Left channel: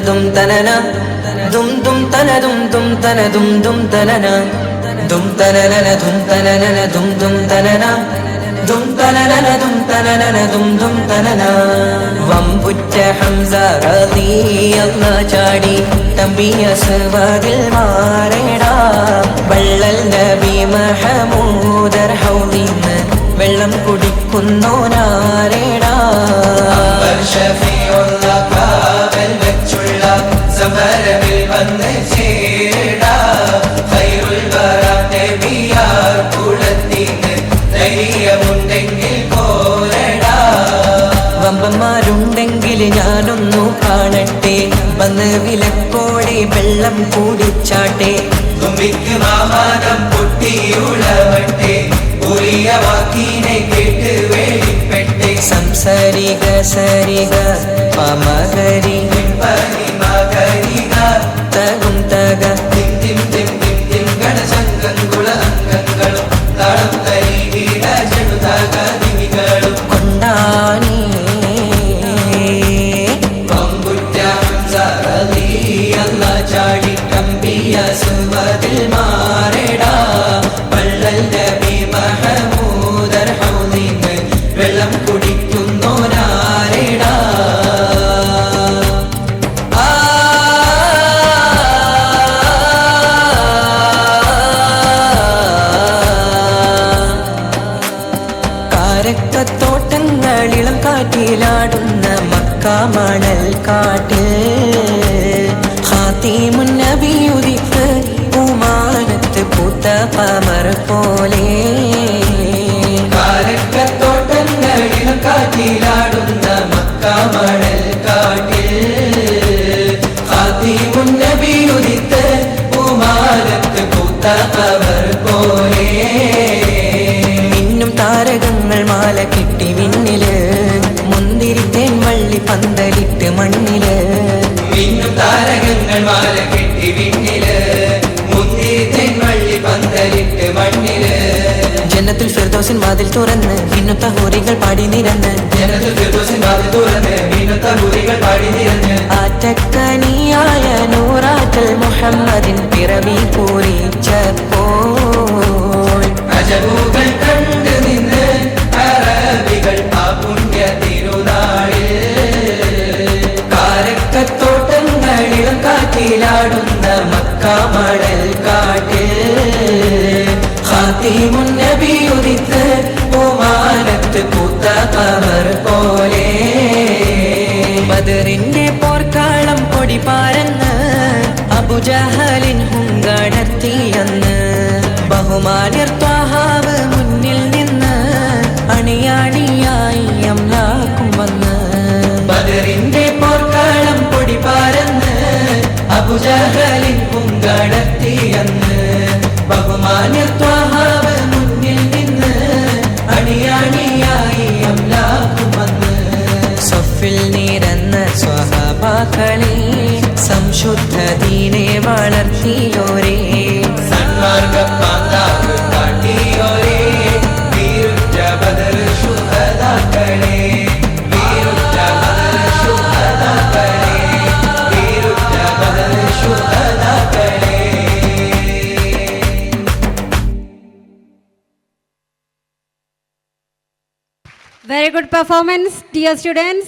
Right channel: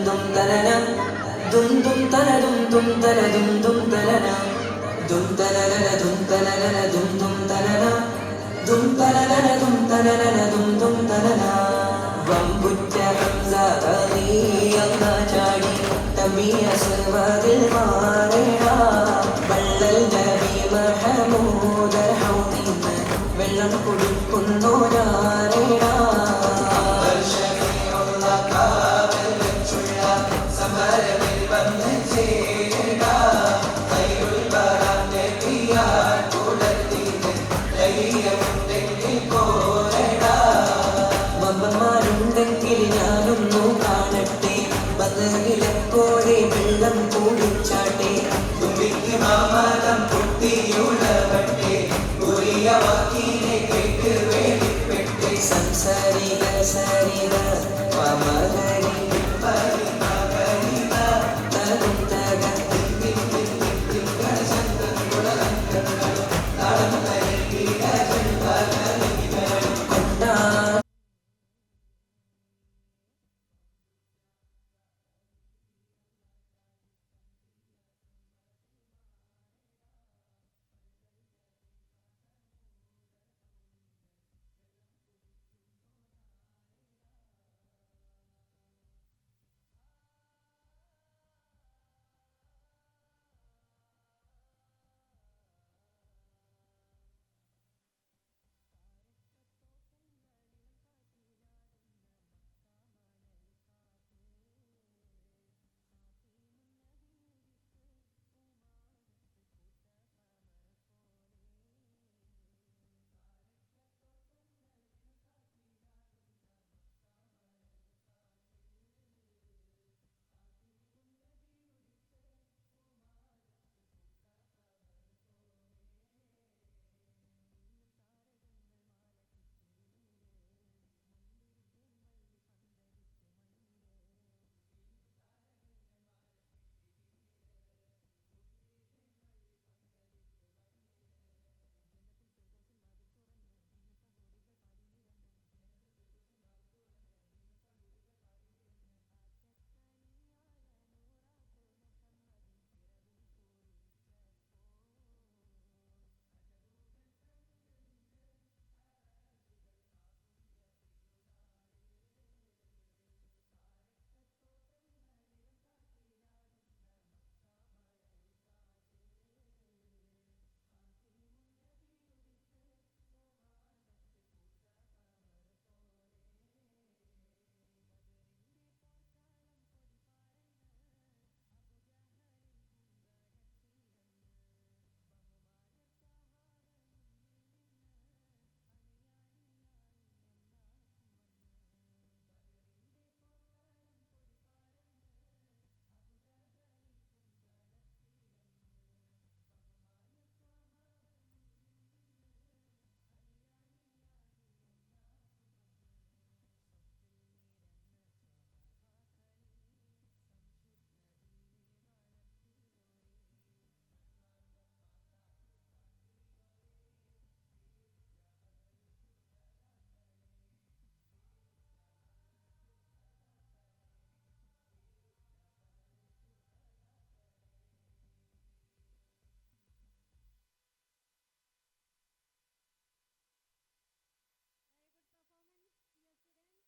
dum tanana dum dum tana dum dum tana dum dum tanana dum tanana dum tanana dum dum tanana dum tanana dum tanana dum dum tanana വമ്പുറ്റ Hamza റളിയല്ലാഹു ചാടി തമ്പി അസ്വദിൽ മാറേടാ വള്ളൽ നബി മഹമൂദർ ഹൗദിന്ന് വെള്ളം കുടിക്കുന്നോനാരേടാ ഷഫീഉൽ കാബൽ വെച്ചുള്ള സമരവിൽ വന്ന് ചേടാ ഖൈറുൽ ബറാ നബിയാർ കുലത്തിന്ന് ധൈര്യമുണ്ടെങ്കിൽ പോരടാ വമ്പന്മാരുണ്ടെങ്കിൽ ഞാനൊന്നു കാണട്ടെ വന്ന് വിലപ്പോടെ വെള്ളം കൂടിച്ചാട്ടെ തുമ്പിക്ക് മാമാനം പൊട്ടിയുളവട്ടെ ഉറിയ വാക്കിനെ കേട്ട് വേളിപ്പെട്ടെ സംസരിക സരിക പമകരി മകരിക തകും തക തിം തിം തിം തിം തിം ഗണശങ്കങ്കുള അംഗങ്ങളും താളം തരികിട ചെടുതക നിമികളും കൊണ്ടാണി വമ്പുറ്റ ഹംസ റളിയല്ലാഹു ചാടി കമ്പിയ സുവദിൽ മാറേടാ വള്ളൽ നബി മഹമൂദർ ഹൗദിന്ന് വെള്ളം കുടിക്കുന്നോനാരേടാ കാരക്കത്തോട്ടങ്ങളിളം കാറ്റിലാടുന്ന മക്ക മണൽ കാട്ടിൽ ഖാതിമുൻ നബി ഉദിത്ത് ഉമാനത്ത് പൂത്ത ഖമർ പോലെ കാരക്കത്തോട്ടങ്ങളിളം കാറ്റിലാടുന്ന മക്ക മണൽ കാട്ടിൽ ഖാതിമുൻ നബി ഉദിത്ത് ഉമാനത്ത് പൂത്ത ഖമർ പോലെ താരകങ്ങൾ മാല കിട്ടി വിണ്ണില് മുന്തിരിത്തേൻ വള്ളി പന്തലിട്ട് മണ്ണില് മിന്നും താരകങ്ങൾ മാല കിട്ടി വിണ്ണില് മുന്തിരിത്തേൻ വള്ളി പന്തലിട്ട് മണ്ണില് ജന്നത്തുൽ ഫിർദൗസിൻ വാതിൽ തുറന്ന് മിന്നുത്ത ഹൂറികൾ പാടി നിരന്ന് ജന്നത്തുൽ ഫിർദൗസിൻ വാതിൽ തുറന്ന് മിന്നുത്ത ഹൂറികൾ പാടി നിരന്ന് ആറ്റക്കനിയായ നൂറാറ്റൽ മുഹമ്മദിൻ പിറവി പൂരിച്ചപ്പോൾ അജബുകൾ കണ്ട് നിന്ന് അറബികൾ ആ പുണ്യ തിരുനാളിൽ കാരക്കത്തോട്ടങ്ങളിലും കാറ്റിലാടുന്ന മക്ക മണൽ കാട്ടിൽ ഖാതിമുൻ നബി ഉദിത്ത് ഉമാനത്ത് പൂത്ത ഖമർ പോലെ ബദറിന്റെ പോർക്കാളം കൊടി പാരന്ന് അബുജഹലിൻ ഹുങ്കടർത്തിയെന്ന് ബഹുമാന്യർ ത്വാഹാവ് മുന്നിൽ നിന്ന് അണിയാണിയായി അംലാക്കും വന്ന് ബദറിന്റെ പോർക്കാളം പൊടി പാരന്ന് അബുജഹലിൻ ഹുങ്കടർത്തിയെന്ന് ബഹുമാന്യർ ത്വാഹാവ് മുന്നിൽ നിന്ന് അണിയാണിയായി അംലാക്കും വന്ന് സഫിൽ നിരന്ന സ്വഹാബാക്കളെ സംശുദ്ധ ദീനെ വളർത്തിയോരേ സന്മാർഗപ്പാതാവ് കാട്ടിയോരേ വീരുറ്റ Badr ശുഹദാക്കളെ വീരുറ്റ Badr ശുഹദാക്കളെ വീരുറ്റ Badr ശുഹദാക്കളെ. Very good performance, dear students.